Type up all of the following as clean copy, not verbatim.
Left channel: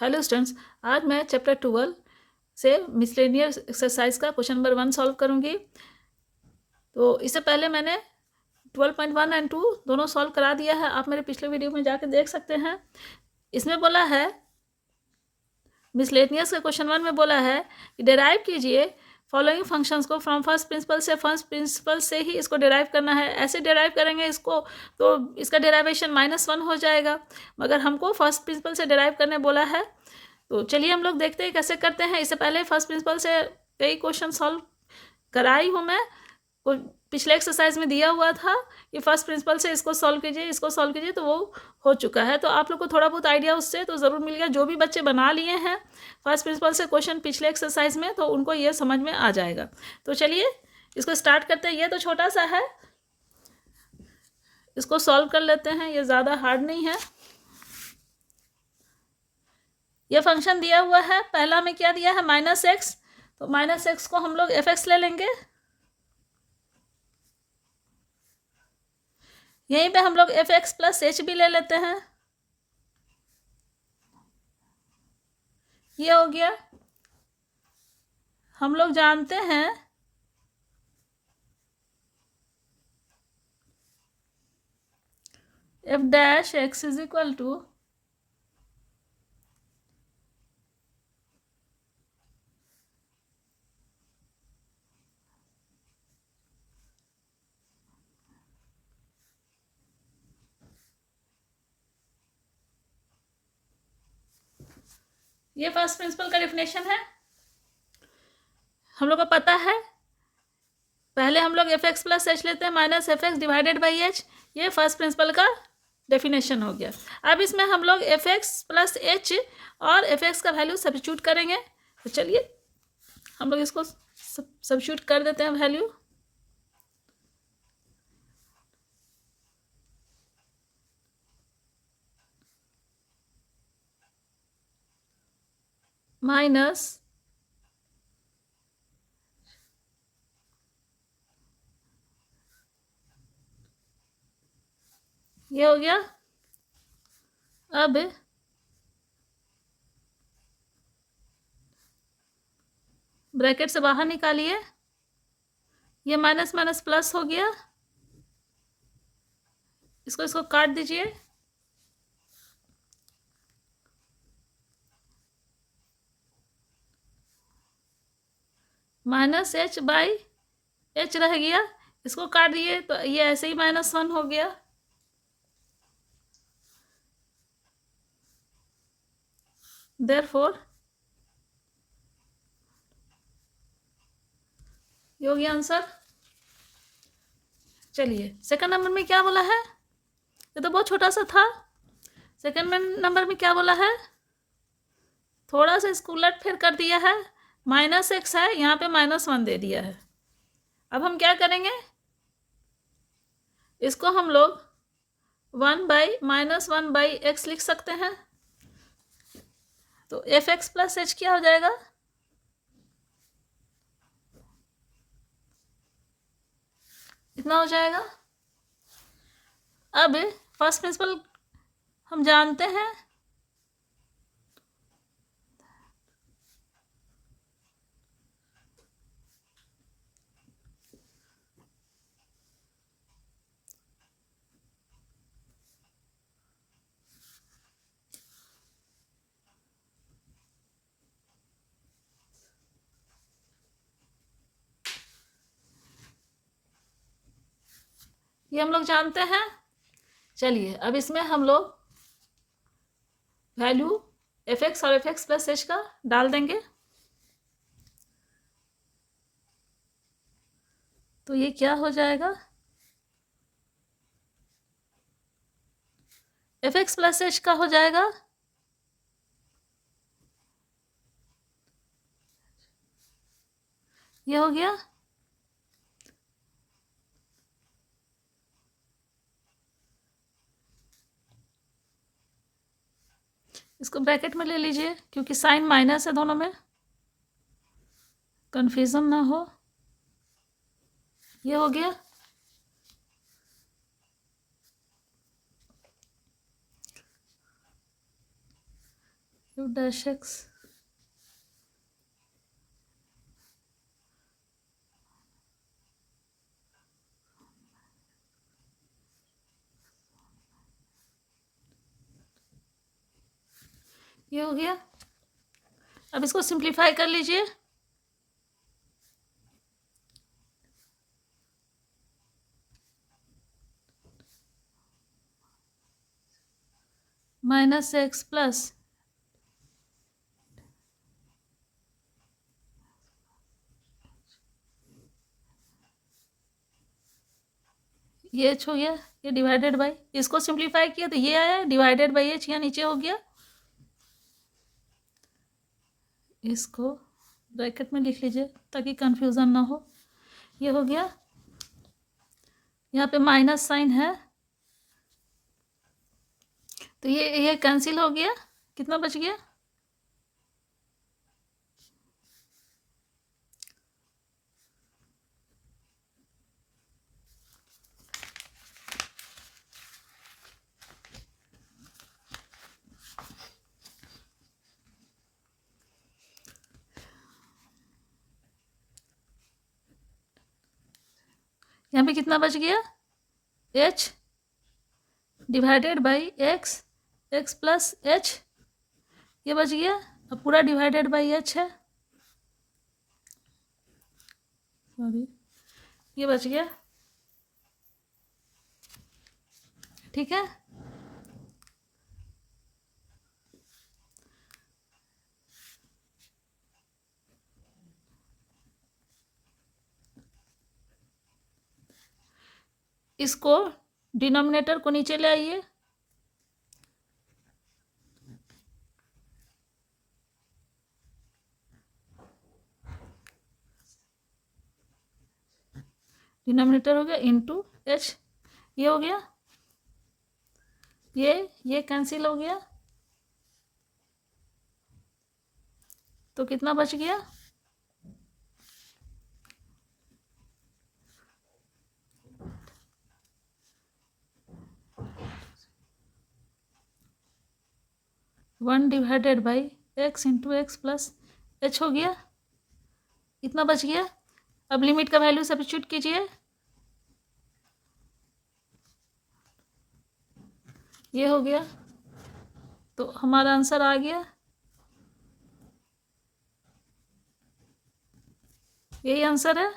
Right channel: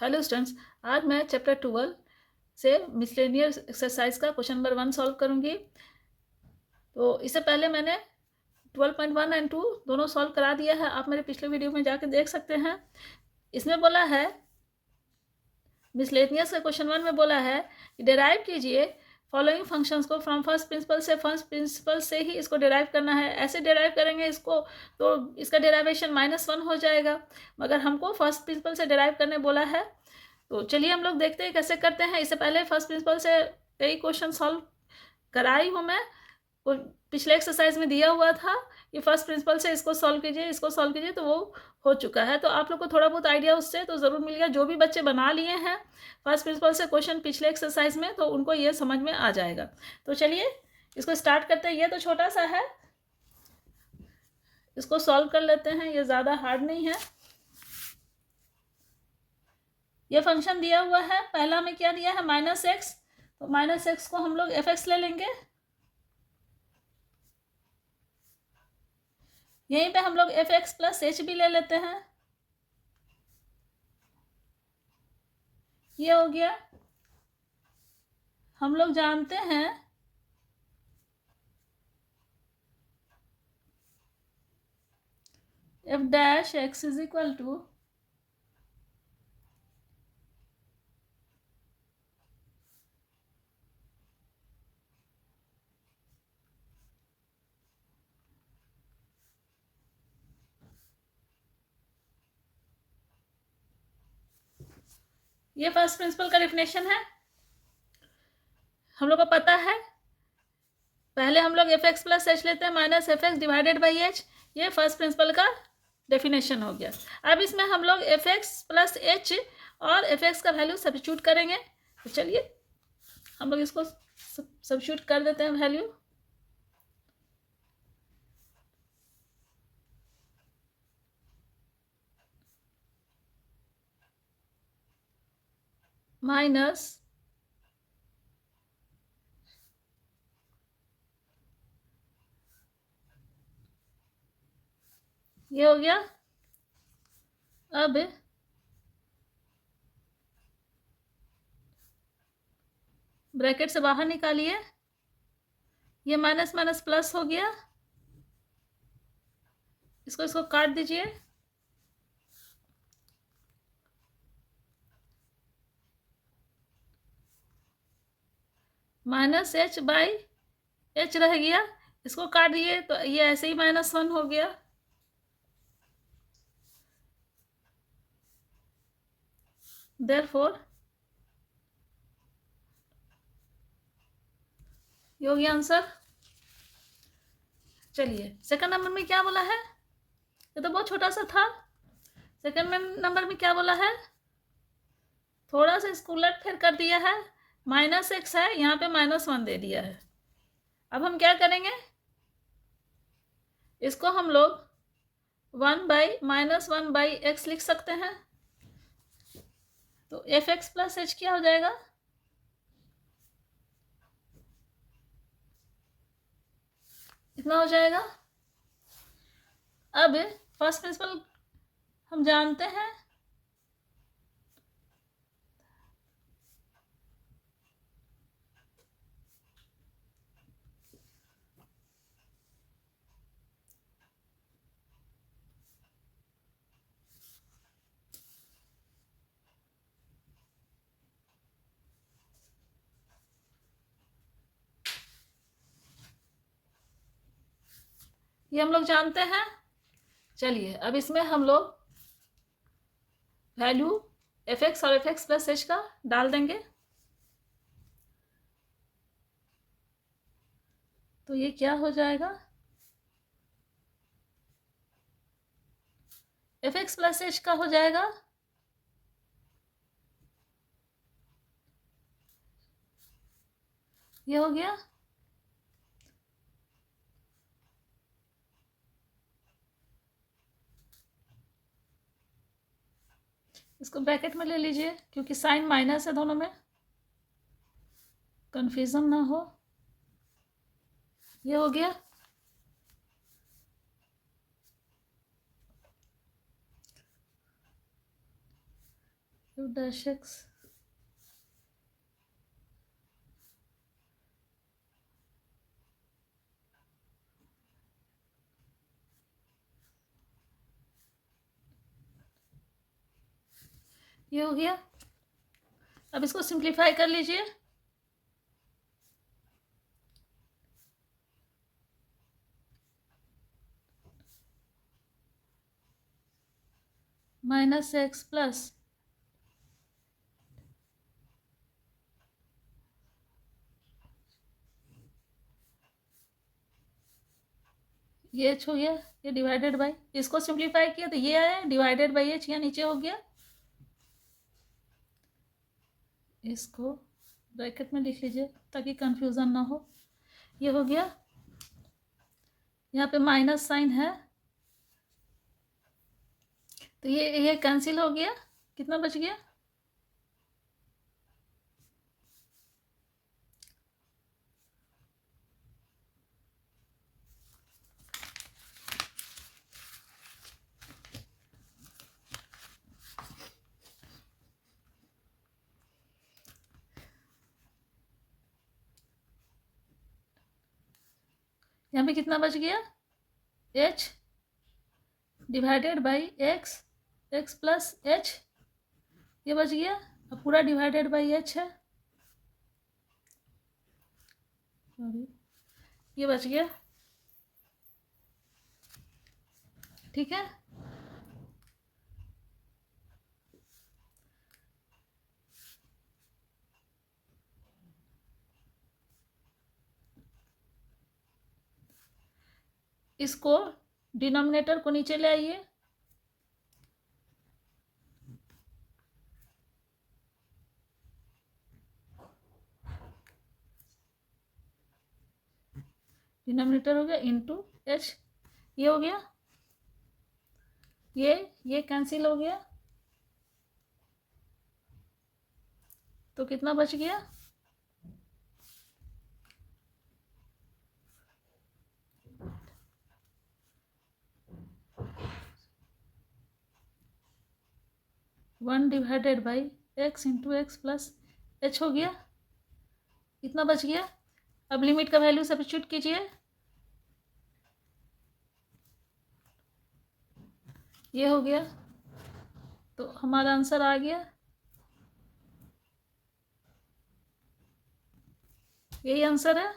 Hello students, आज मैं chapter 12 से मिसलेनियस एक्सरसाइज का क्वेश्चन नंबर 1 सॉल्व करूंगी। तो इससे पहले मैंने 12.1 एंड 2 दोनों सॉल्व करा दिया है, आप मेरे पिछले वीडियो में जाकर देख सकते हैं। इसमें बोला है, मिसलेनियस के क्वेश्चन 1 में बोला है कि डिराइव कीजिए फॉलोइंग फंक्शंस को फ्रॉम फर्स्ट प्रिंसिपल से। फर्स्ट प्रिंसिपल से ही इसको डिराइव करना है। ऐसे डिराइव करेंगे इसको तो इसका डिराइवेशन -1 हो जाएगा, मगर हमको फर्स्ट प्रिंसिपल से डिराइव करने बोला है। तो चलिए हम लोग देखते हैं कैसे करते हैं। इससे पहले फर्स्ट प्रिंसिपल से कई क्वेश्चन सॉल्व कराई हूँ मैं। पिछले एक्सरसाइज में दिया हुआ था कि फर्स्ट प्रिंसिपल से इसको सॉल्व कीजिए, इसको सॉल्व कीजिए, तो वो हो चुका है। तो आप लोग को थोड़ा बहुत आइडिया उससे तो ज़रूर मिल गया। जो भी बच्चे बना लिए हैं फर्स्ट प्रिंसिपल से क्वेश्चन पिछले एक्सरसाइज में, तो उनको ये समझ में आ जाएगा। तो चलिए इसको स्टार्ट करते हैं। ये तो छोटा सा है, इसको सॉल्व कर लेते हैं, ये ज़्यादा हार्ड नहीं है। ये फंक्शन दिया हुआ है, पहला में क्या दिया है -x, तो -x को हम लोग f(x) ले लेंगे। यहीं पे हम लोग f(x) + h भी ले लेते हैं। ये हो गया। हम लोग जानते हैं f(x) = ये फर्स्ट प्रिंसिपल का डेफिनेशन है, हम लोग को पता है। पहले हम लोग f(x) + h लेते हैं, -f(x)/h। ये फर्स्ट प्रिंसिपल का डेफिनेशन हो गया। अब इसमें हम लोग f(x) + h और f(x) का वैल्यू सब्स्टिट्यूट करेंगे। तो चलिए हम लोग इसको सब्स्टिट्यूट कर देते हैं वैल्यू। माइनस ये हो गया। अब ब्रैकेट से बाहर निकालिए, ये माइनस माइनस प्लस हो गया। इसको काट दीजिए। -h/h रह गया, इसको काट दिए तो ये ऐसे ही -1 हो गया। देयरफॉर ये हो गया आंसर। चलिए सेकंड नंबर में क्या बोला है, ये तो बहुत छोटा सा था। सेकंड नंबर में क्या बोला है, थोड़ा सा इसको उलट फिर कर दिया है। -x है, यहाँ पे -1 दे दिया है। अब हम क्या करेंगे, इसको हम लोग 1/-1/x लिख सकते हैं। तो f(x) + h क्या हो जाएगा, इतना हो जाएगा। अब फर्स्ट प्रिंसिपल हम जानते हैं, ये हम लोग जानते हैं। चलिए अब इसमें हम लोग वैल्यू f(x) और f(x) + h का डाल देंगे। तो ये क्या हो जाएगा, f(x) + h का हो जाएगा ये हो गया। इसको ब्रैकेट में ले लीजिए, क्योंकि साइन माइनस है, दोनों में कंफ्यूजन ना हो। ये हो गया। एफ डैश एक्स ये हो गया। अब इसको सिंप्लीफाई कर लीजिए। माइनस एक्स प्लस ये एच हो गया, ये डिवाइडेड बाई, इसको सिंप्लीफाई किया तो ये आया डिवाइडेड बाई एच, यहाँ नीचे हो गया। इसको ब्रैकेट में लिख लीजिए ताकि कंफ्यूजन ना हो। ये हो गया, यहाँ पे माइनस साइन है तो ये कैंसिल हो गया। कितना बच गया? यहाँ पे कितना बच गया? H divided by x, x plus H, ये बच गया। अब पूरा डिवाइडेड बाई एच है, सॉरी ये बच गया। ठीक है, इसको डिनोमिनेटर को नीचे ले आइए। डिनोमिनेटर हो गया इंटू एच, ये हो गया, ये कैंसिल हो गया तो कितना बच गया? One divided by x into x plus H हो गया, इतना बच गया। अब लिमिट का वैल्यू सब्स्टिट्यूट कीजिए, ये हो गया तो हमारा आंसर आ गया, यही आंसर है।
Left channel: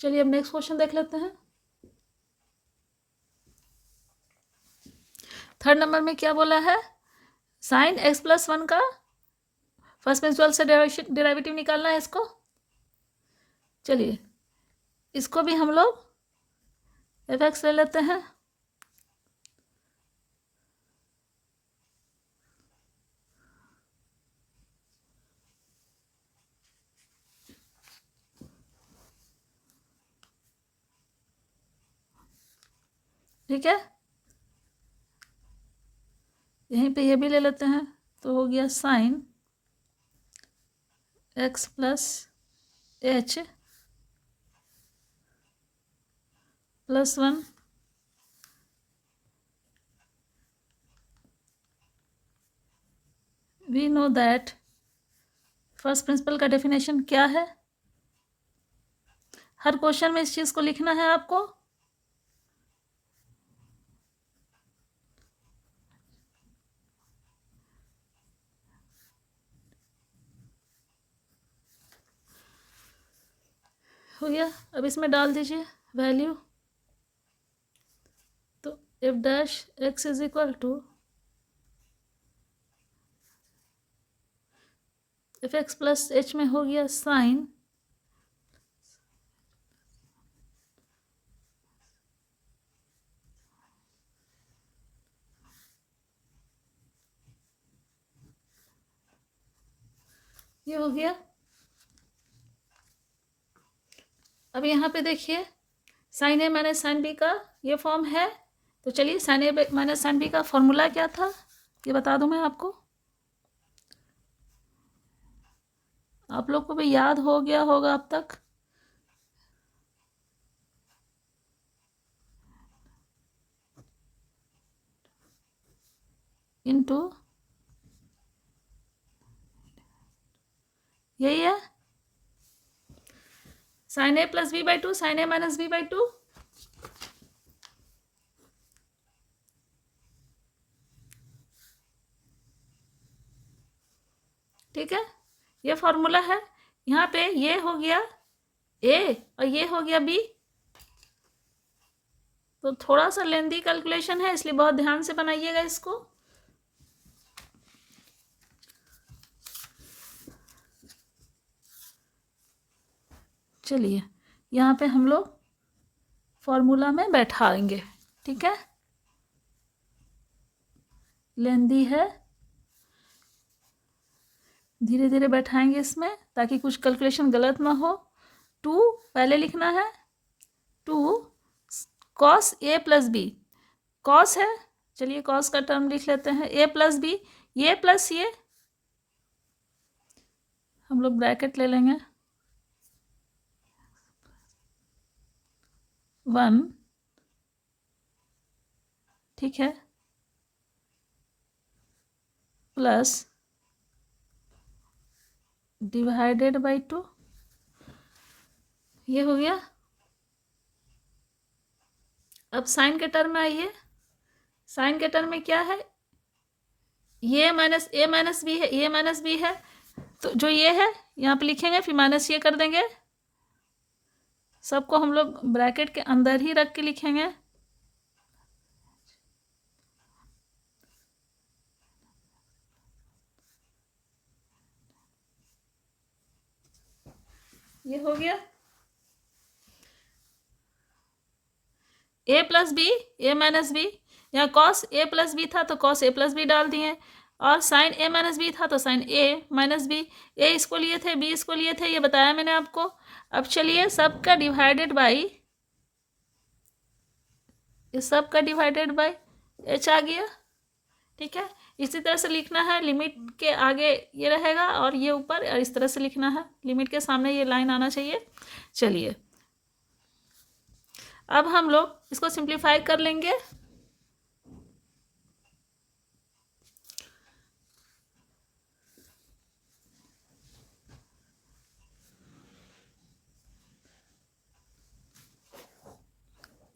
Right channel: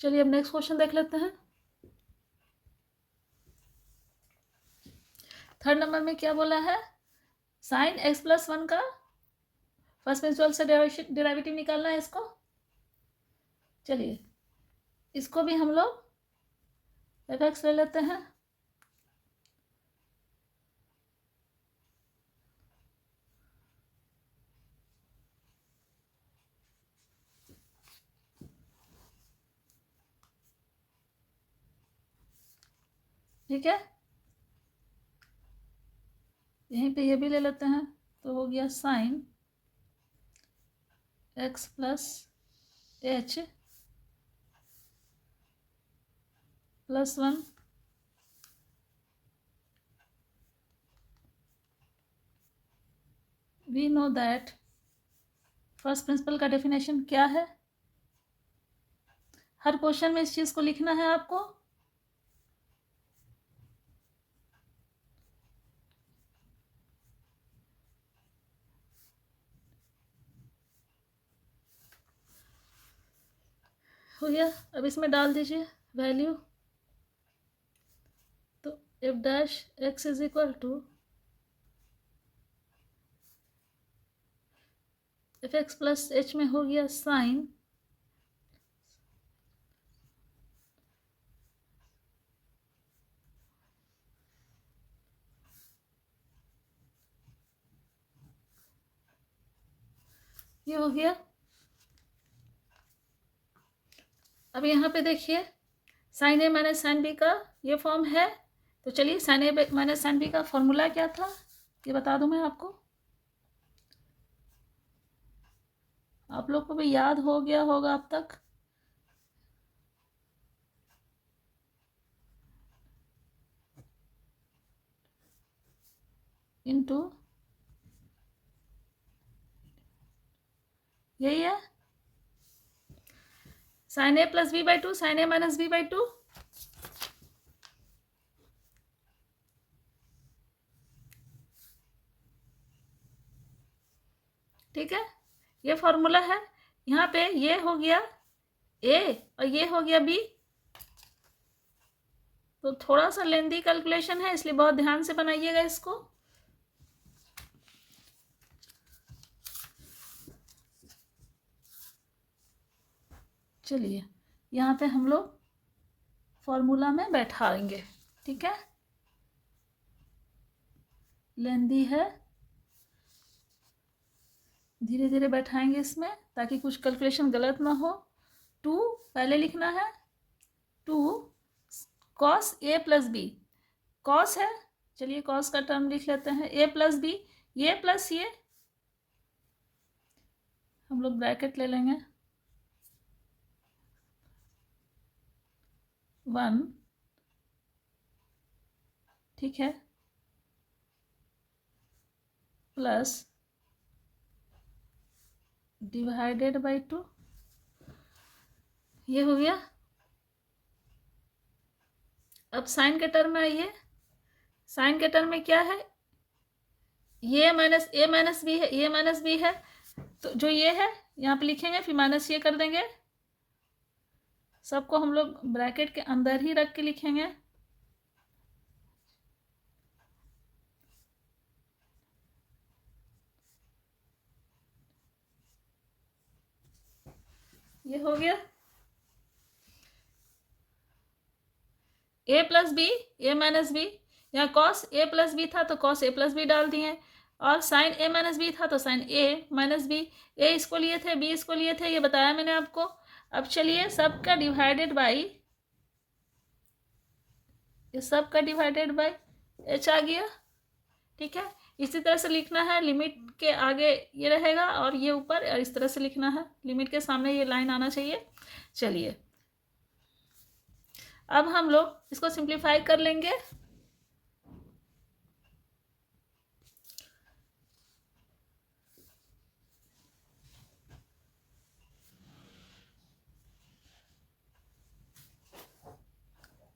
चलिए अब नेक्स्ट क्वेश्चन देख लेते हैं। थर्ड नंबर में क्या बोला है? साइन एक्स प्लस वन का फर्स्ट प्रिंसिपल से डेरिवेटिव निकालना है इसको। चलिए इसको भी हम लोग एफ एक्स ले लेते हैं। ठीक है, यहीं पे ये भी ले लेते हैं तो हो गया sine x plus h plus one we know that first principle का डेफिनेशन क्या है। हर क्वेश्चन में इस चीज़ को लिखना है आपको। हो गया, अब इसमें डाल दीजिए वैल्यू, तो f dash x is equal to f x plus h में हो गया साइन ये हो गया। अब यहाँ पे देखिए sign a minus sine B का ये फॉर्म है, तो चलिए sign a minus sine B का फॉर्मूला क्या था ये बता दूं मैं आपको। आप लोग को भी याद हो गया होगा अब तक। इंटू, यही है sine a plus b by two, sine a minus b by two. ठीक है, ये फॉर्मूला है। यहाँ पे ये हो गया ए और ये हो गया बी। तो थोड़ा सा लेंदी कैलकुलेशन है, इसलिए बहुत ध्यान से बनाइएगा इसको। चलिए यहाँ पे हम लोग फॉर्मूला में बैठाएंगे। ठीक है, लेंदी है, धीरे धीरे बैठाएंगे इसमें ताकि कुछ कैलकुलेशन गलत ना हो। 2 पहले लिखना है, 2 cos A plus B, cos है, चलिए कॉस का टर्म लिख लेते हैं, ए प्लस बी, ये प्लस ये, हम लोग ब्रैकेट ले लेंगे, 1, ठीक है, प्लस डिवाइडेड बाई 2, ये हो गया। अब साइन के टर्म में आइए, साइन के टर्म में क्या है, ये माइनस ए माइनस बी है, ये माइनस बी है, तो जो ये है यहाँ पे लिखेंगे, फिर माइनस ये कर देंगे, सबको हम लोग ब्रैकेट के अंदर ही रख के लिखेंगे। ये हो गया ए प्लस बी, ए माइनस बी, यहाँ कॉस ए प्लस बी था तो कॉस ए प्लस बी डाल दिए, और साइन ए माइनस बी था तो साइन ए माइनस बी। ए इसको लिए थे, बी इसको लिए थे, ये बताया मैंने आपको। अब चलिए सबका डिवाइडेड बाई, इस सब का डिवाइडेड बाई एच आ गया। ठीक है, इसी तरह से लिखना है, लिमिट के आगे ये रहेगा और ये ऊपर, और इस तरह से लिखना है, लिमिट के सामने ये लाइन आना चाहिए। चलिए अब हम लोग इसको सिंप्लीफाई कर लेंगे।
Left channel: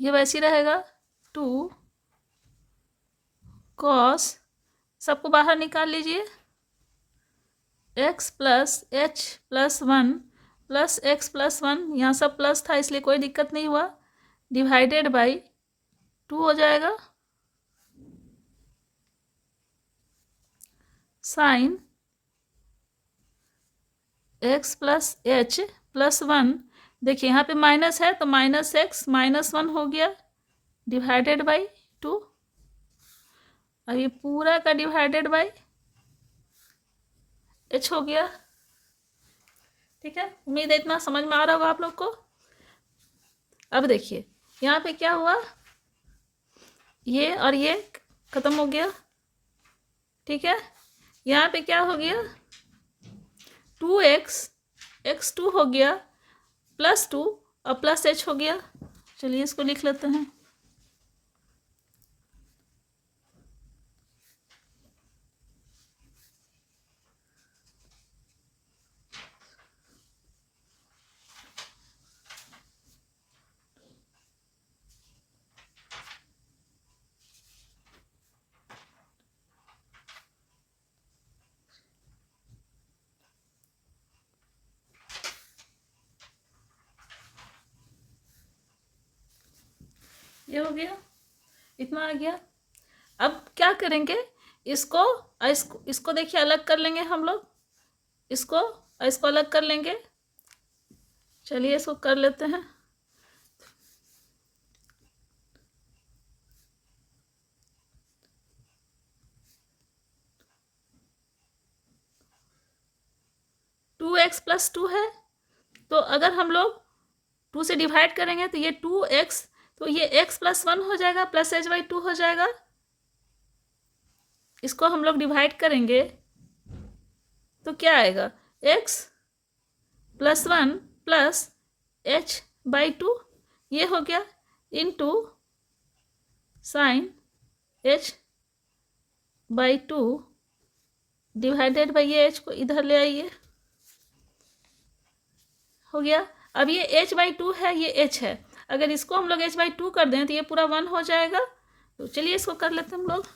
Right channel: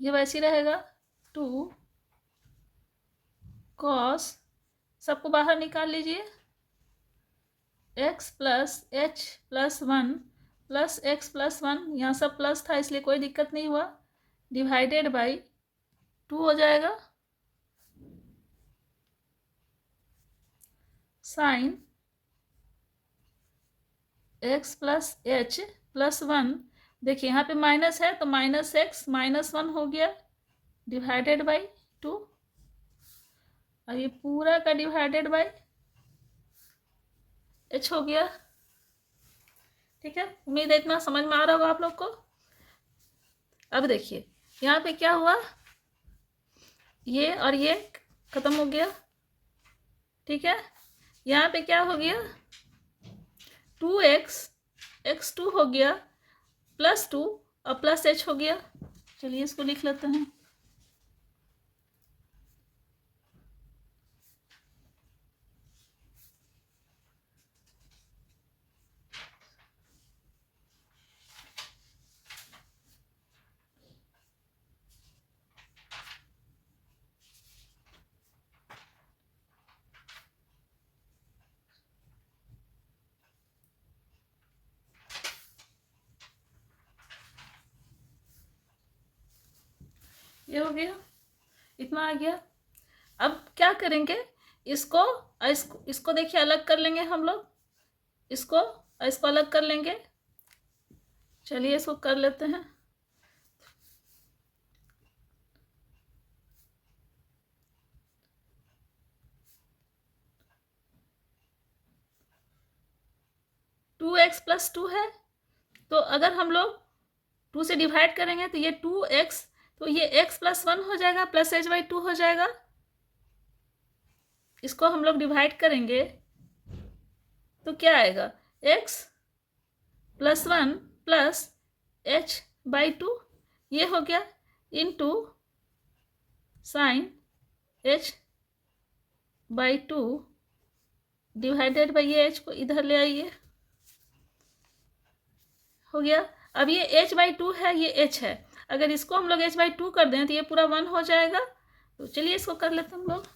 ये वैसे रहेगा 2 कॉस, सबको बाहर निकाल लीजिए, x plus h plus 1 plus x plus 1, यहाँ सब प्लस था इसलिए कोई दिक्कत नहीं हुआ, डिवाइडेड बाई 2 हो जाएगा, sine x plus h plus 1, देखिए यहाँ पे माइनस है तो माइनस एक्स माइनस 1 हो गया, डिवाइडेड बाई 2, और ये पूरा का डिवाइडेड बाई एच हो गया। ठीक है, उम्मीद है इतना समझ में आ रहा होगा आप लोग को। अब देखिए यहाँ पे क्या हुआ, ये और ये खत्म हो गया। ठीक है, यहाँ पे क्या हो गया, 2x, x2 हो गया, प्लस 2 और प्लस h हो गया। चलिए इसको लिख लेते हैं, ये हो गया, इतना आ गया। अब क्या करेंगे, इसको देखिए अलग कर लेंगे हम लोग, इसको अलग कर लेंगे। चलिए इसको कर लेते हैं, टू एक्स प्लस 2 है, तो अगर हम लोग 2 से डिवाइड करेंगे तो ये 2x, तो ये x प्लस 1 हो जाएगा, प्लस h बाई 2 हो जाएगा। इसको हम लोग डिवाइड करेंगे तो क्या आएगा, x plus 1 plus h by 2, ये हो गया, into sine h by two divided by ये एच को इधर ले आइए, हो गया। अब ये एच बाई टू है, ये एच है, अगर इसको हम लोग एच बाई टू कर दें तो ये पूरा 1 हो जाएगा। तो चलिए इसको कर लेते हैं हम लोग।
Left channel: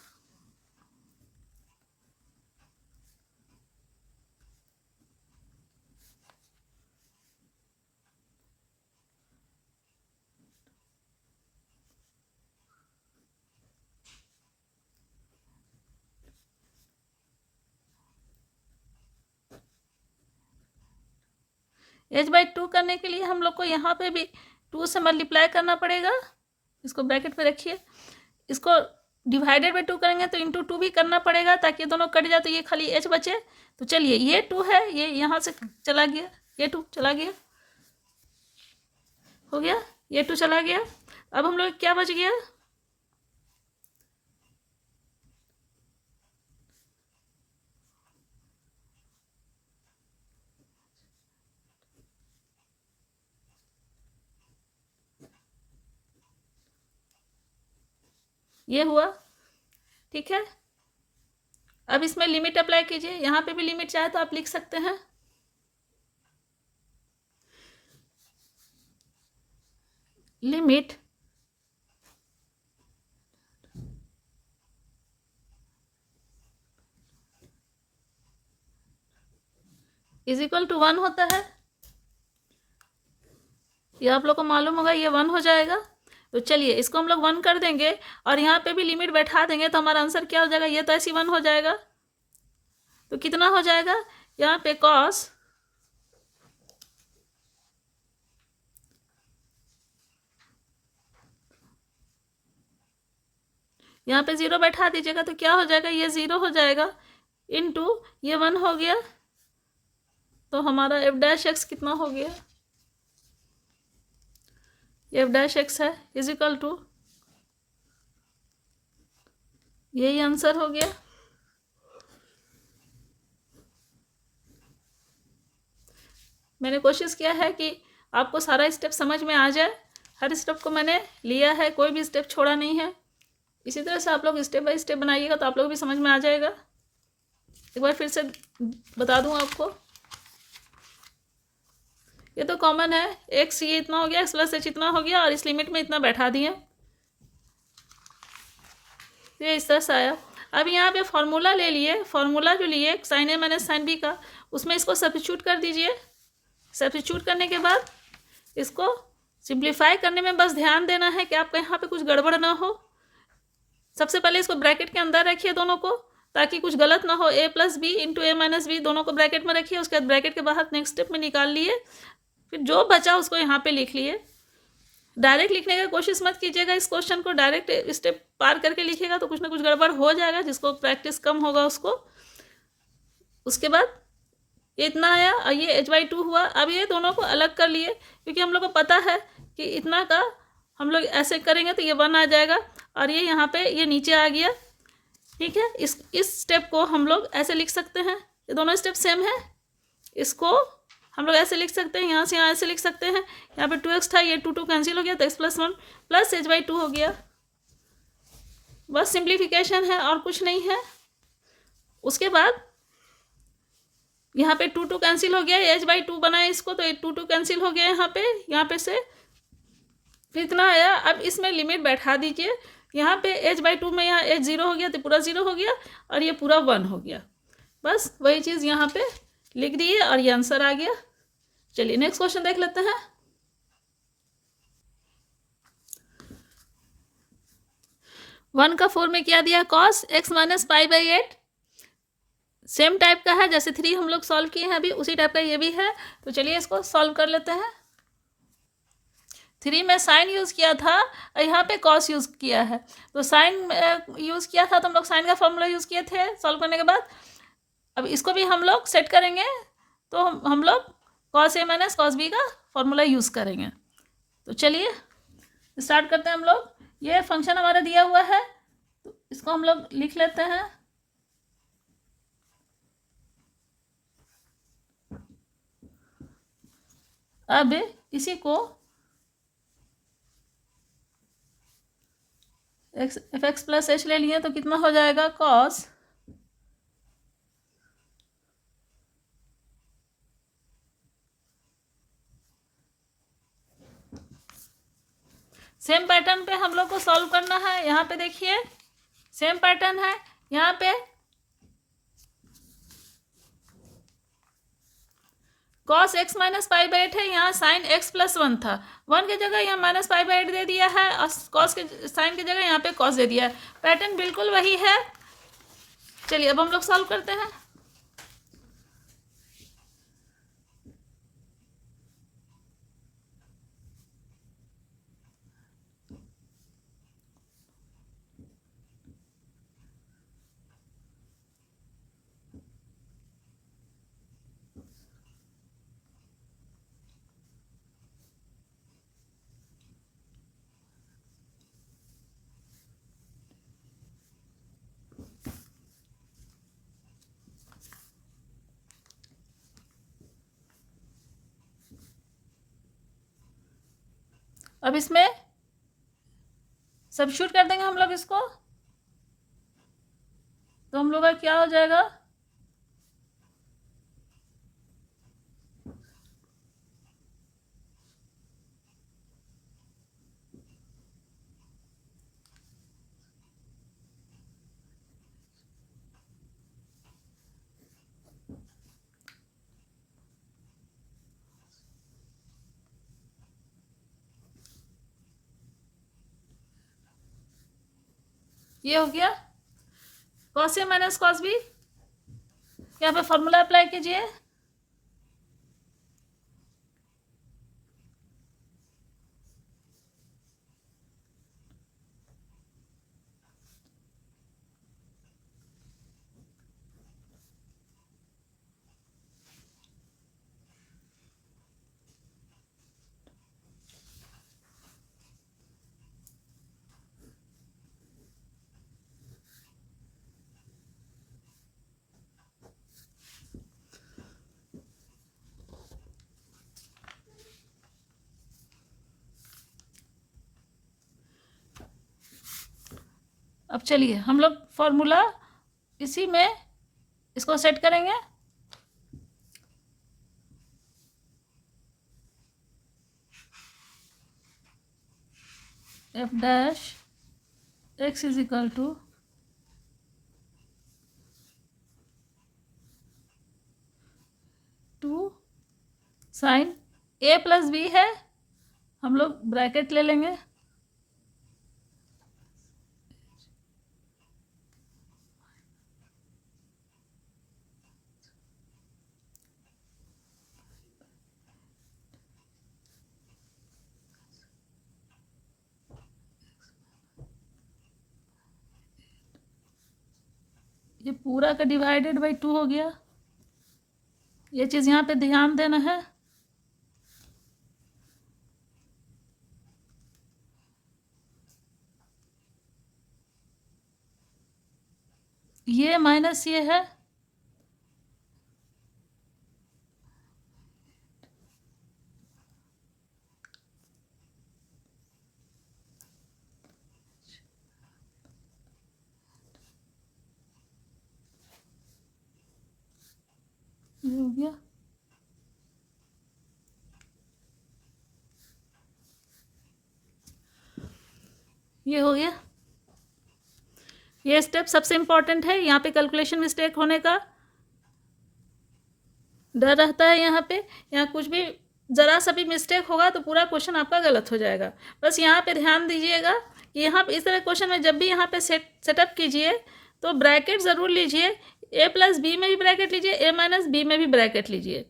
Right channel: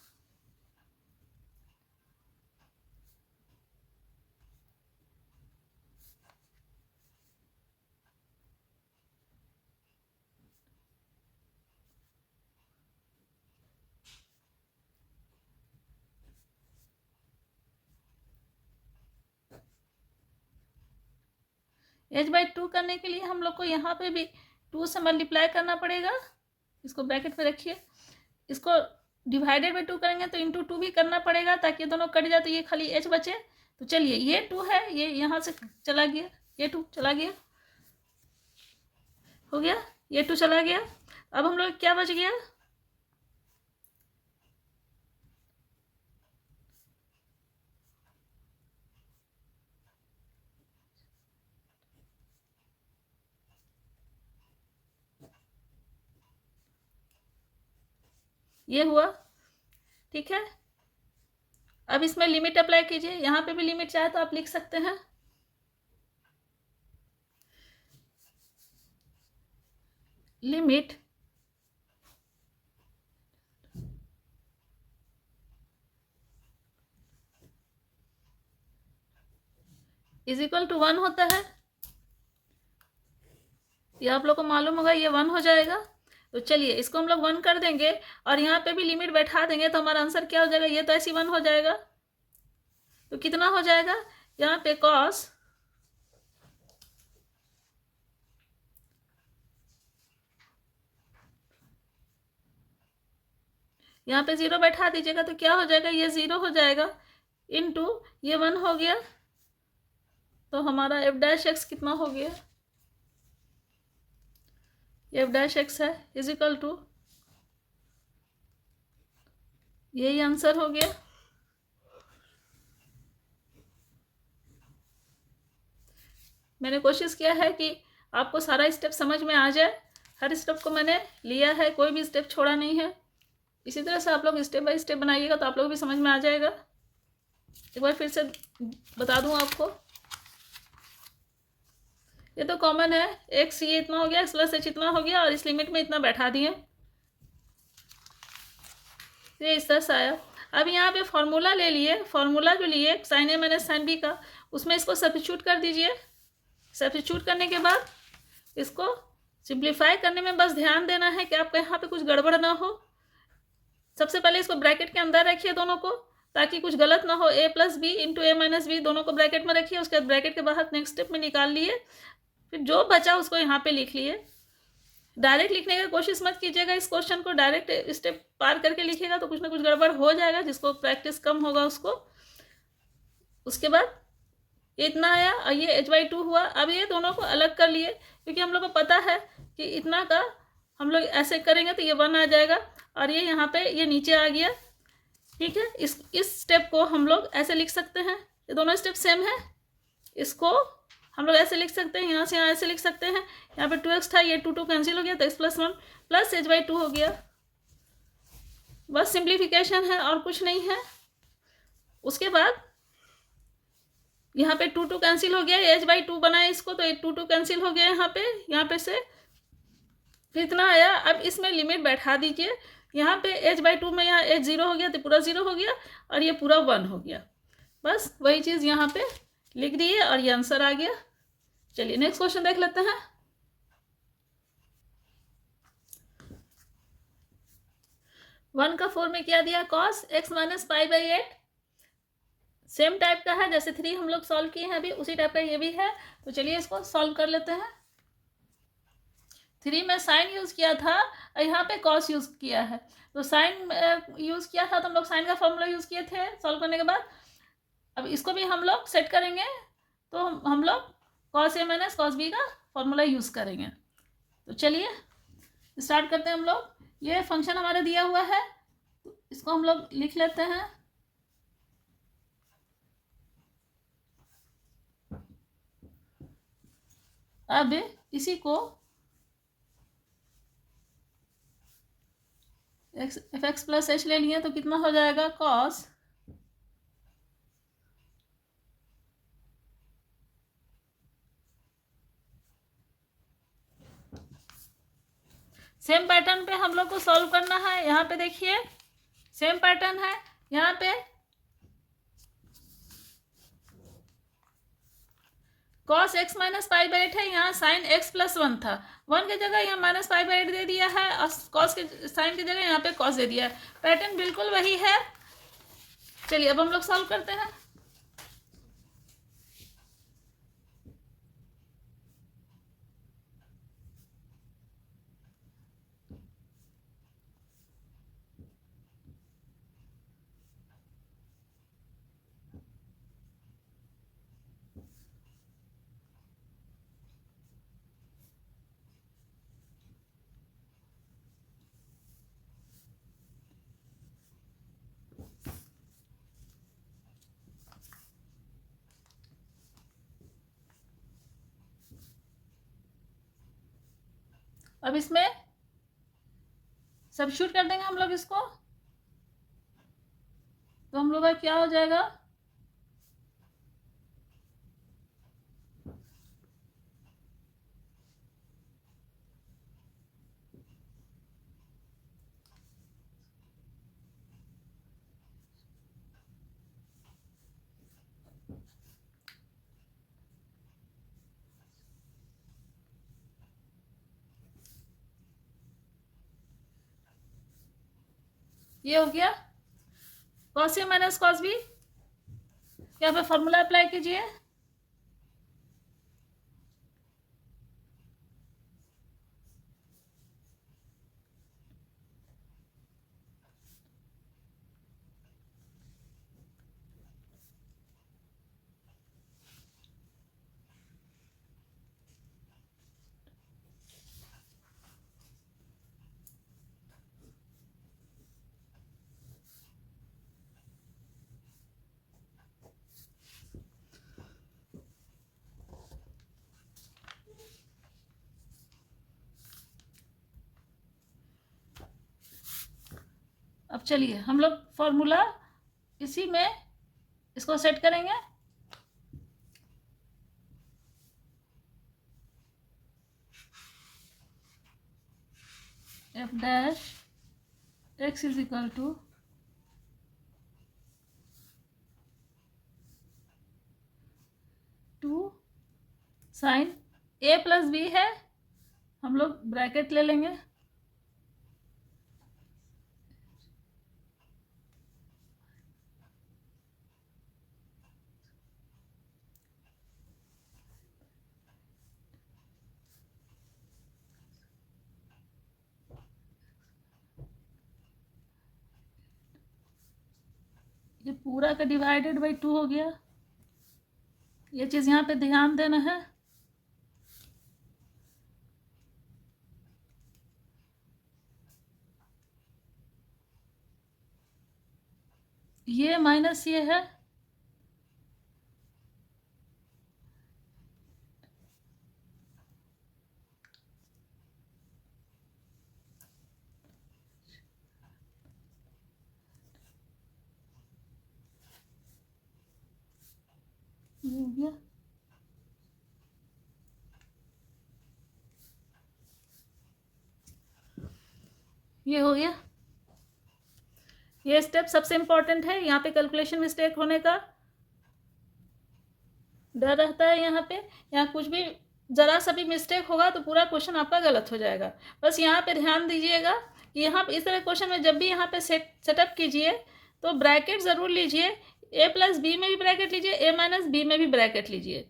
एच बाई टू करने के लिए हम लोग को यहाँ पे भी 2 से मल्टीप्लाई करना पड़ेगा। इसको ब्रैकेट में रखिए, इसको डिवाइडेड बाई 2 करेंगे तो इंटू 2 भी करना पड़ेगा ताकि दोनों कट जाए तो ये खाली एच बचे। तो चलिए ये 2 है, ये यहाँ से चला गया, ये 2 चला गया, हो गया, ये 2 चला गया। अब हम लोग क्या बच गया, ये हुआ, ठीक है। अब इसमें लिमिट अप्लाई कीजिए, यहाँ पे भी लिमिट चाहे तो आप लिख सकते हैं। लिमिट इज इक्वल टू 1 होता है, ये आप लोग को मालूम होगा, ये 1 हो जाएगा। तो चलिए इसको हम लोग 1 कर देंगे और यहाँ पे भी लिमिट बैठा देंगे तो हमारा आंसर क्या हो जाएगा, ये तो ऐसी 1 हो जाएगा। तो कितना हो जाएगा यहाँ पे कॉस यहाँ पे 0 बैठा दीजिएगा तो क्या हो जाएगा, ये 0 हो जाएगा इनटू ये 1 हो गया। तो हमारा एफ डैश एक्स कितना हो गया, एफ डैश एक्स है इज इक्वल टू, यही आंसर हो गया। मैंने कोशिश किया है कि आपको सारा स्टेप समझ में आ जाए, हर स्टेप को मैंने लिया है, कोई भी स्टेप छोड़ा नहीं है। इसी तरह से आप लोग स्टेप बाय स्टेप बनाइएगा तो आप लोग भी समझ में आ जाएगा। एक बार फिर से बता दूं आपको, ये तो कॉमन है, एक्स ये इतना हो गया, एक्स प्लस एच इतना हो गया और इस लिमिट में इतना बैठा दिए, ये इस तरह से आया। अब यहाँ पे फॉर्मूला ले लिए, फॉर्मूला जो लिए sign a minus sine B का, उसमें इसको सब्स्टिट्यूट कर दीजिए। सब्स्टिट्यूट करने के बाद इसको सिंप्लीफाई करने में बस ध्यान देना है कि आपका यहाँ पे कुछ गड़बड़ ना हो। सबसे पहले इसको ब्रैकेट के अंदर रखिए दोनों को, ताकि कुछ गलत ना हो। ए प्लस बी इंटू ए माइनस बी दोनों को ब्रैकेट में रखिए, उसके बाद ब्रैकेट के बाहर नेक्स्ट स्टेप में निकाल लिए, फिर जो बचा उसको यहाँ पे लिख लिए। डायरेक्ट लिखने की कोशिश मत कीजिएगा, इस क्वेश्चन को डायरेक्ट स्टेप पार करके लिखिएगा तो कुछ ना कुछ गड़बड़ हो जाएगा, जिसको प्रैक्टिस कम होगा उसको। उसके बाद ये इतना आया और ये एच बाई टू हुआ। अब ये दोनों को अलग कर लिए, क्योंकि हम लोग को पता है कि इतना का हम लोग ऐसे करेंगे तो ये 1 आ जाएगा और ये यहाँ पे ये नीचे आ गया, ठीक है। इस स्टेप को हम लोग ऐसे लिख सकते हैं, ये दोनों स्टेप सेम है, इसको हम लोग ऐसे लिख सकते हैं, यहाँ से यहाँ ऐसे लिख सकते हैं। यहाँ पे 2x था, ये 2 कैंसिल हो गया तो x plus 1 plus H by two हो गया। बस सिंप्लीफिकेशन है और कुछ नहीं है। उसके बाद यहाँ पे 2 कैंसिल हो गया, एच बाई टू बनाए इसको तो 2 कैंसिल हो गया यहाँ पे से कितना आया। अब इसमें लिमिट बैठा दीजिए, यहाँ पे एच बाई टू में यहाँ एच 0 हो गया तो पूरा 0 हो गया और ये पूरा 1 हो गया। बस वही चीज़ यहाँ पे लिख दिए और ये आंसर आ गया। चलिए नेक्स्ट क्वेश्चन देख लेते हैं। 1 का 4 में क्या दिया, cos x minus pi by 8, same type का है जैसे 3 हम लोग सॉल्व किए हैं अभी, उसी टाइप का ये भी है। तो चलिए इसको सॉल्व कर लेते हैं। 3 में साइन यूज़ किया था और यहाँ पे कॉस यूज़ किया है। तो साइन यूज़ किया था तो हम लोग साइन का फॉर्मूला यूज़ किए थे सॉल्व करने के बाद। अब इसको भी हम लोग सेट करेंगे तो हम लोग cos A minus cos B का फॉर्मूला यूज़ करेंगे। तो चलिए स्टार्ट करते हैं हम लोग। ये फंक्शन हमारा दिया हुआ है तो इसको हम लोग लिख लेते हैं। अब इसी को एफ एक्स प्लस एच ले लिए तो कितना हो जाएगा, कॉस सेम पैटर्न पे हम लोग को सॉल्व करना है। यहाँ पे देखिए सेम पैटर्न है। यहाँ पे cos x minus pi by 8 है, यहाँ साइन x प्लस 1 था, 1 की जगह यहाँ माइनस पाई बाई 8 दे दिया है और cos के साइन की जगह यहाँ पे cos दे दिया है। पैटर्न बिल्कुल वही है। चलिए अब हम लोग सॉल्व करते हैं। अब इसमें सब्स्टिट्यूट कर देंगे हम लोग इसको, तो हम लोग का क्या हो जाएगा, ये हो गया cos ए माइनस cos बी। यहाँ पे फॉर्मूला अप्लाई कीजिए। अब चलिए हम लोग फॉर्मूला इसी में इसको सेट करेंगे। F dash x is equal to two sine a plus b है, हम लोग ब्रैकेट ले लेंगे, ये पूरा का डिवाइडेड बाई 2 हो गया। ये चीज़ यहाँ पे ध्यान देना है। ये माइनस ये है, ये हो गया। ये हो गया। ये स्टेप सबसे इम्पोर्टेंट है, यहाँ पे कैलकुलेशन मिस्टेक होने का डर रहता है। यहाँ कुछ भी ज़रा सा भी मिस्टेक होगा तो पूरा क्वेश्चन आपका गलत हो जाएगा। बस यहाँ पे ध्यान दीजिएगा कि यहाँ पे इस तरह क्वेश्चन में जब भी यहाँ पे सेटअप कीजिए तो ब्रैकेट ज़रूर लीजिए। ए प्लस बी में भी ब्रैकेट लीजिए, ए माइनस बी में भी ब्रैकेट लीजिए।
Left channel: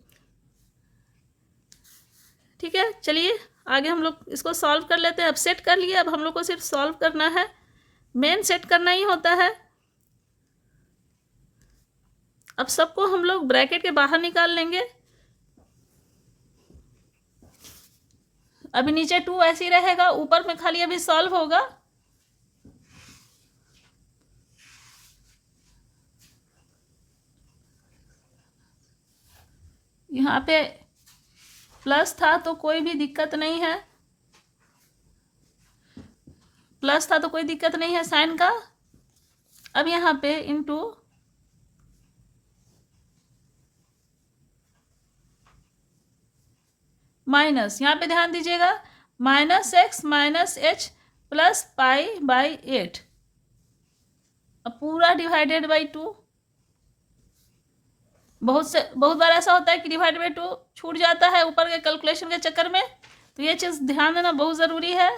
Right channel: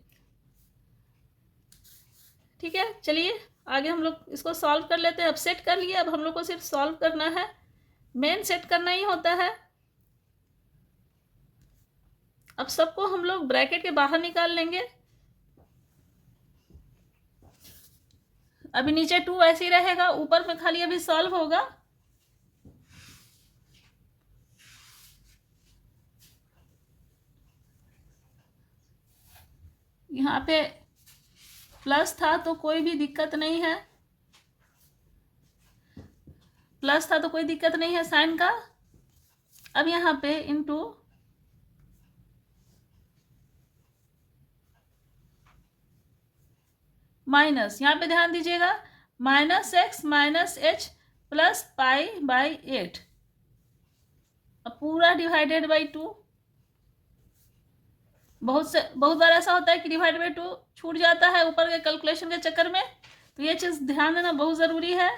ठीक है, चलिए आगे हम लोग इसको सॉल्व कर लेते हैं। अब सेट कर लिए, अब हम लोग को सिर्फ सॉल्व करना है, मेन सेट करना ही होता है। अब सबको हम लोग ब्रैकेट के बाहर निकाल लेंगे। अभी नीचे 2 ऐसे ही रहेगा, ऊपर में खाली अभी सॉल्व होगा। यहाँ पे प्लस था तो कोई भी दिक्कत नहीं है, प्लस था तो कोई दिक्कत नहीं है साइन का। अब यहाँ पे इनटू माइनस, यहाँ पे ध्यान दीजिएगा -x माइनस एच प्लस पाई/8, अब पूरा डिवाइडेड बाई 2। बहुत बार ऐसा होता है कि डिवाइड बाई 2 छूट जाता है ऊपर के कैलकुलेशन के चक्कर में, तो ये चीज़ ध्यान देना बहुत ज़रूरी है।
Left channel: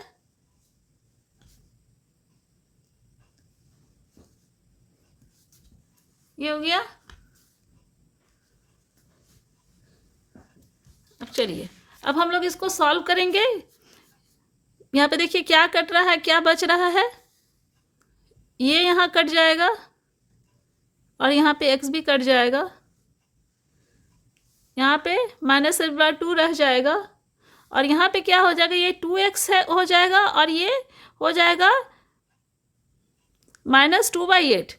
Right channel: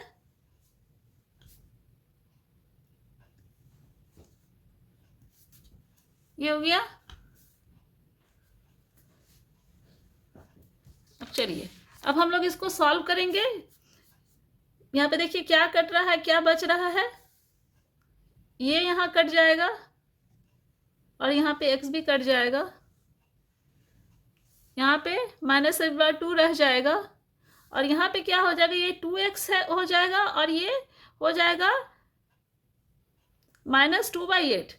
ये हो गया। अब चलिए, अब हम लोग इसको सॉल्व करेंगे। यहाँ पे देखिए क्या कट रहा है, क्या बच रहा है। ये यहाँ कट जाएगा और यहाँ पे x भी कट जाएगा। यहाँ पे -2 रह जाएगा और यहाँ पे क्या हो जाएगा, ये 2x है हो जाएगा और ये हो जाएगा -2/8।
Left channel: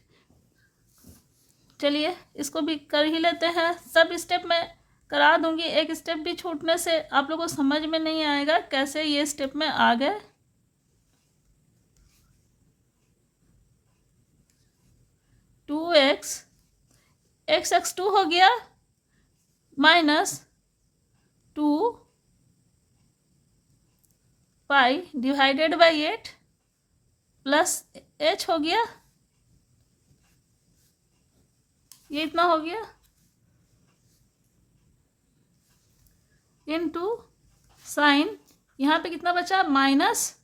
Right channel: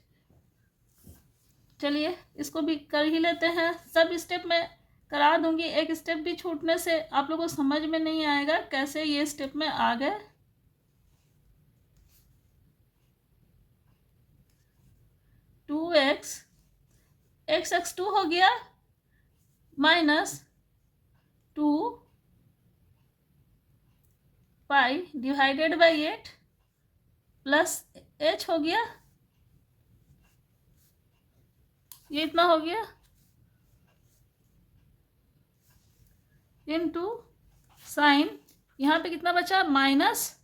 चलिए इसको भी कर ही लेते हैं। सब स्टेप मैं करा दूंगी, एक स्टेप भी छूटने से आप लोगों को समझ में नहीं आएगा कैसे ये स्टेप में आ गए। टू एक्स 2 हो गया -2 पाई डिवाइडेड बाई 8 प्लस h हो गया, ये इतना हो गया, इनटू साइन, यहाँ पे कितना बचा माइनस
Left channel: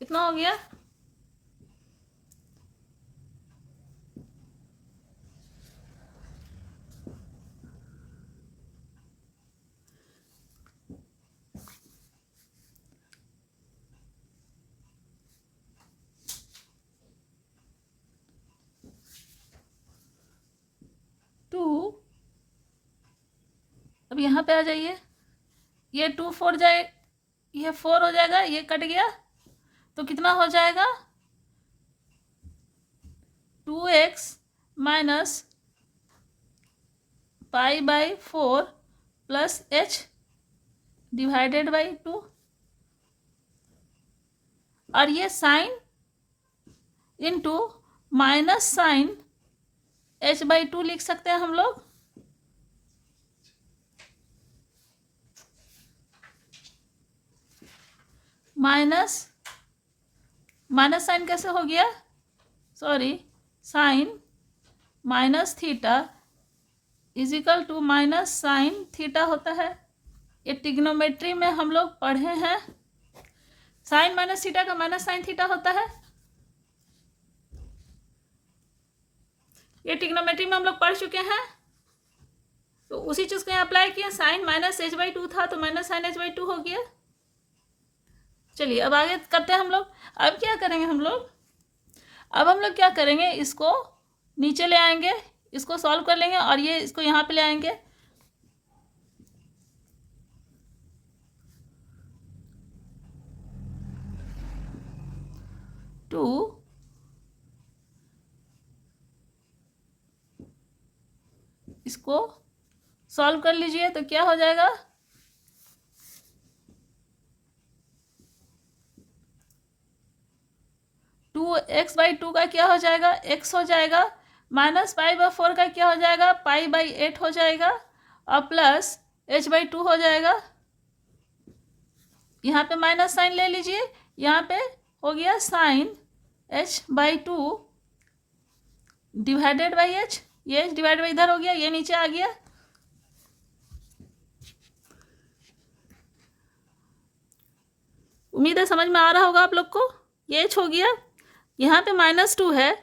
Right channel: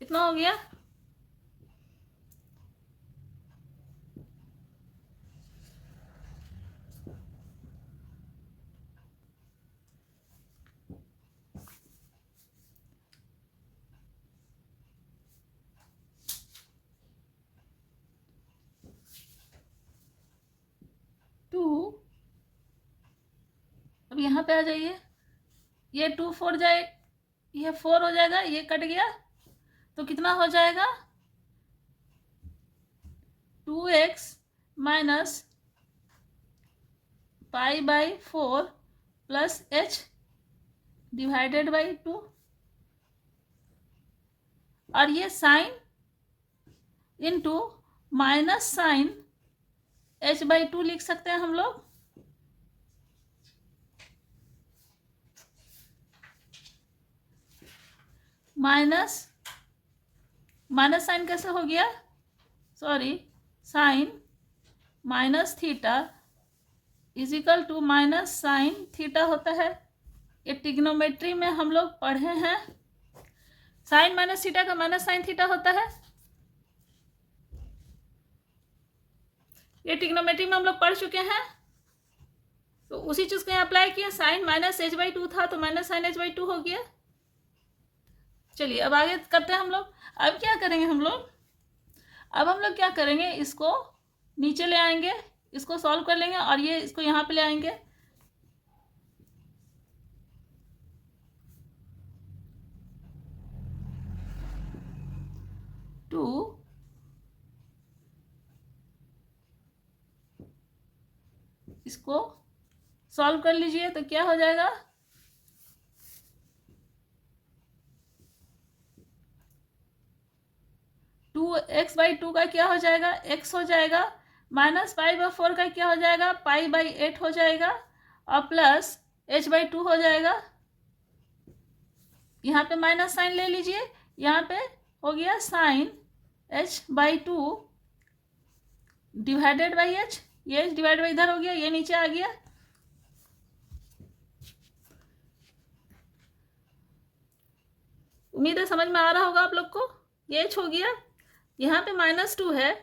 कितना हो गया, अब यहाँ पे आ जाइए, ये 2 4 जाए, ये 4 हो जाएगा, ये कट गया तो कितना हो जाएगा 2x माइनस पाई/4 प्लस h डिवाइडेड बाई 2, और ये sign into minus sign h/2 लिख सकते हैं हम लोग। माइनस साइन कैसे हो गया, sorry, sine minus theta is equal to minus sine theta होता है। ये ट्रिग्नोमेट्री में हम लोग पढ़े हैं, साइन माइनस थीटा का माइनस साइन थीटा होता है। ये ट्रिग्नोमेट्री में हम लोग पढ़ चुके हैं, तो उसी चीज़ को यहाँ अप्लाई किया। साइन माइनस h/2 था तो माइनस साइन h/2 हो गया। चलिए अब आगे करते हैं हम लोग। अब क्या करेंगे हम लोग, अब हम लोग क्या करेंगे, इसको नीचे ले आएंगे, इसको सॉल्व कर लेंगे और ये इसको यहाँ पे ले आएंगे। टू इसको सॉल्व कर लीजिए तो क्या हो जाएगा, टू x/2 का क्या हो जाएगा, x हो जाएगा, माइनस पाई/4 का क्या हो जाएगा, पाई/8 हो जाएगा, और प्लस h/2 हो जाएगा। यहाँ पे माइनस साइन ले लीजिए, यहाँ पे हो गया sine h/2 divided by h, ये डिवाइड बाई इधर हो गया, ये नीचे आ गया। उम्मीद है समझ में आ रहा होगा आप लोग को। ये h हो गया, यहाँ पे -2 है,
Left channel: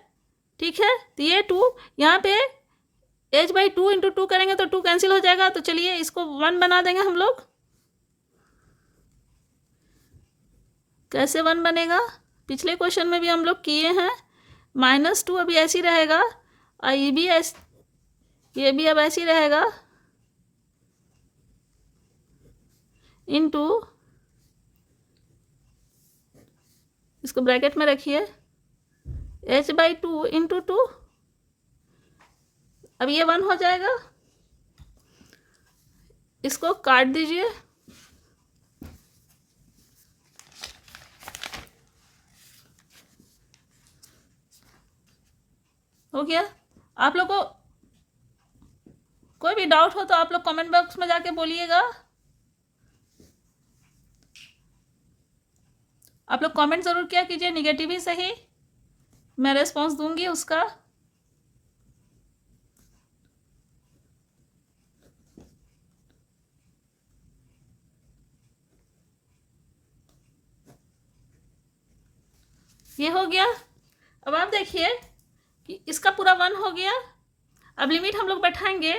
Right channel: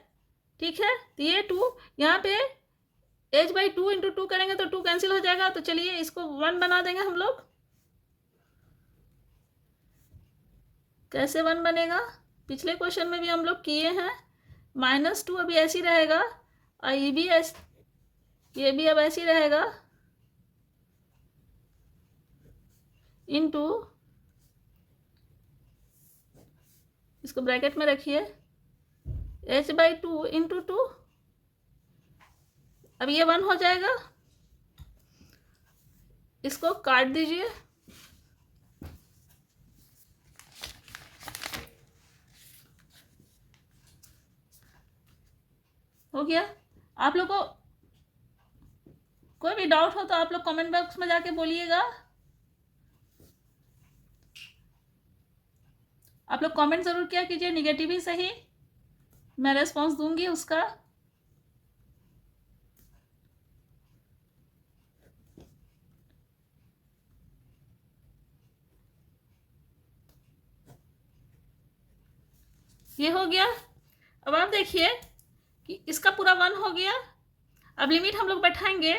ठीक है, तो ये 2 यहाँ पे h/2 इंटू 2 करेंगे तो 2 कैंसिल हो जाएगा। तो चलिए इसको 1 बना देंगे हम लोग। कैसे 1 बनेगा, पिछले क्वेश्चन में भी हम लोग किए हैं। -2 अभी ऐसे ही रहेगा और ये भी अब ऐसे ही रहेगा, इनटू, इसको ब्रैकेट में रखिए, h/2 इंटू 2, अब ये 1 हो जाएगा, इसको काट दीजिए, हो गया। आप लोग को कोई भी डाउट हो तो आप लोग कमेंट बॉक्स में जाके बोलिएगा। आप लोग कमेंट ज़रूर किया कीजिए, निगेटिव ही सही, मैं रेस्पॉन्स दूंगी उसका। ये हो गया। अब आप देखिए कि इसका पूरा 1 हो गया। अब लिमिट हम लोग बैठाएंगे,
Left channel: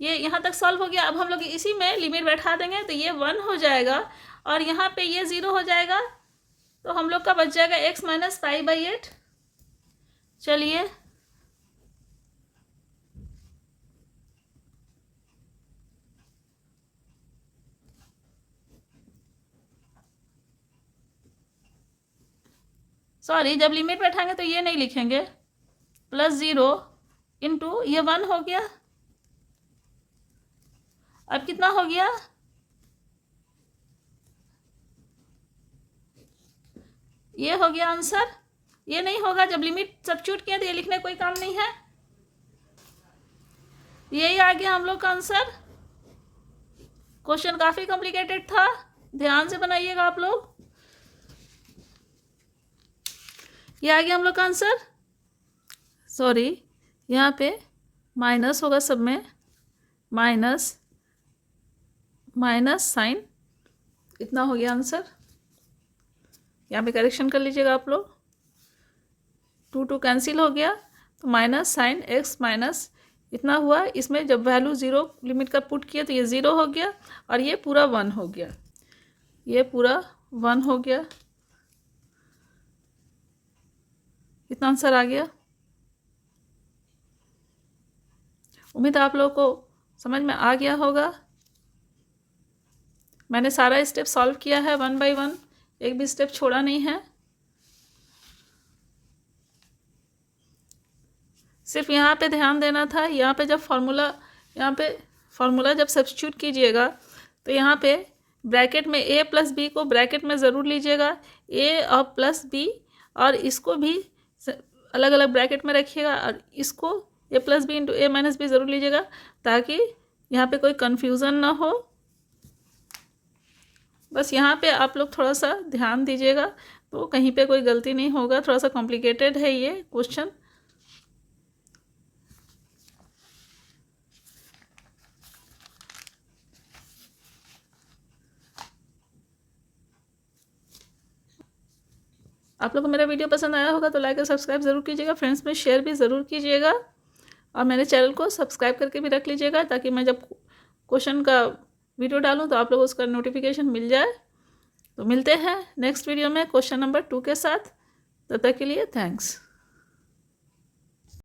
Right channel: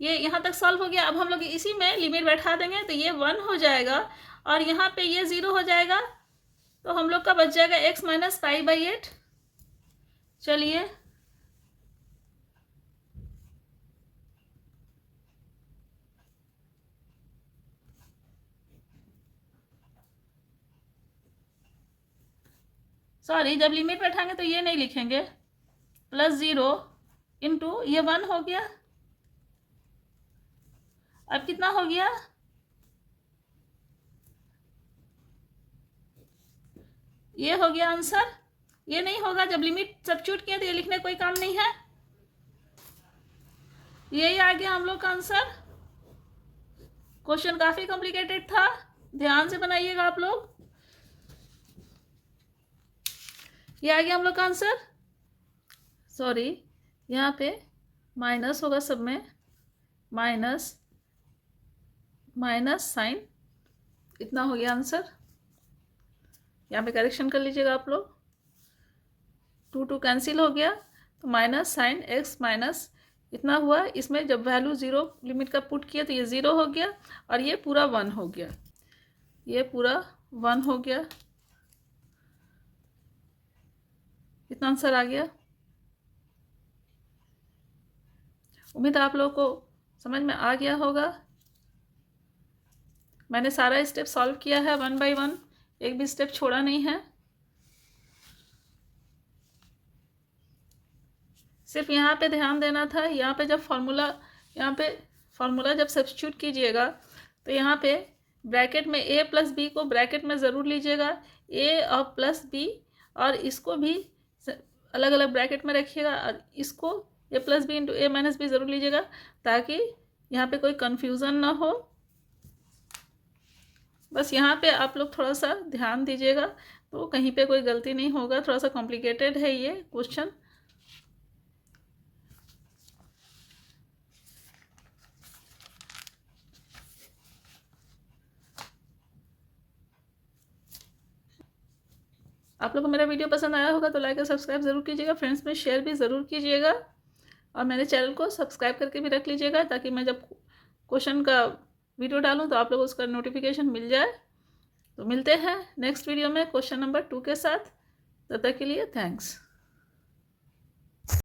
ये यहाँ तक सॉल्व हो गया। अब हम लोग इसी में लिमिट बैठा देंगे तो ये 1 हो जाएगा और यहाँ पे ये 0 हो जाएगा। तो हम लोग का बच जाएगा x माइनस पाई बाई 8। चलिए सॉरी, जब लिमिट बैठाएंगे तो ये नहीं लिखेंगे, +0 इंटू ये 1 हो गया। अब कितना हो गया, ये हो गया आंसर। ये नहीं होगा, जब लिमिट सब्स्टिट्यूट किया तो ये लिखने कोई काम नहीं है। यही आ गया हम लोग का आंसर। क्वेश्चन काफ़ी कॉम्प्लिकेटेड था, ध्यान से बनाइएगा आप लोग। ये आ गया हम लोग का आंसर। सॉरी, यहाँ पे माइनस होगा सब में, माइनस माइनस साइन, इतना हो गया आंसर। यहाँ पे करेक्शन कर लीजिएगा आप लोग, 2 कैंसिल हो गया तो माइनस साइन x माइनस इतना हुआ। इसमें जब वैल्यू 0 लिमिट का पुट किया तो ये 0 हो गया और ये पूरा 1 हो गया, ये पूरा 1 हो गया। इतना आंसर आ गया। उम्मीद है आप लोगों को समझ में आ गया होगा। मैंने सारा स्टेप सॉल्व किया है 1 बाय 1, एक भी स्टेप छोड़ा नहीं है। सिर्फ यहाँ पे ध्यान देना था, यहाँ पे जब फार्मूला जब सब्स्टिट्यूट कीजिएगा तो यहाँ पे ब्रैकेट में a प्लस बी को ब्रैकेट में ज़रूर लीजिएगा, a और प्लस बी, और इसको भी अलग अलग ब्रैकेट में रखिएगा और इसको a plus b into a minus b ज़रूर लीजिएगा ताकि यहाँ पे कोई कन्फ्यूज़न ना हो। बस यहाँ पे आप लोग थोड़ा सा ध्यान दीजिएगा तो कहीं पे कोई गलती नहीं होगा। थोड़ा सा कॉम्प्लिकेटेड है ये क्वेश्चन। आप लोग को मेरा वीडियो पसंद आया होगा तो लाइक और सब्सक्राइब ज़रूर कीजिएगा, फ्रेंड्स में शेयर भी ज़रूर कीजिएगा और मेरे चैनल को सब्सक्राइब करके भी रख लीजिएगा ताकि मैं जब क्वेश्चन का वीडियो डालूँ तो आप लोग उसका नोटिफिकेशन मिल जाए। तो मिलते हैं नेक्स्ट वीडियो में क्वेश्चन नंबर 2 के साथ। तब तक के लिए थैंक्स।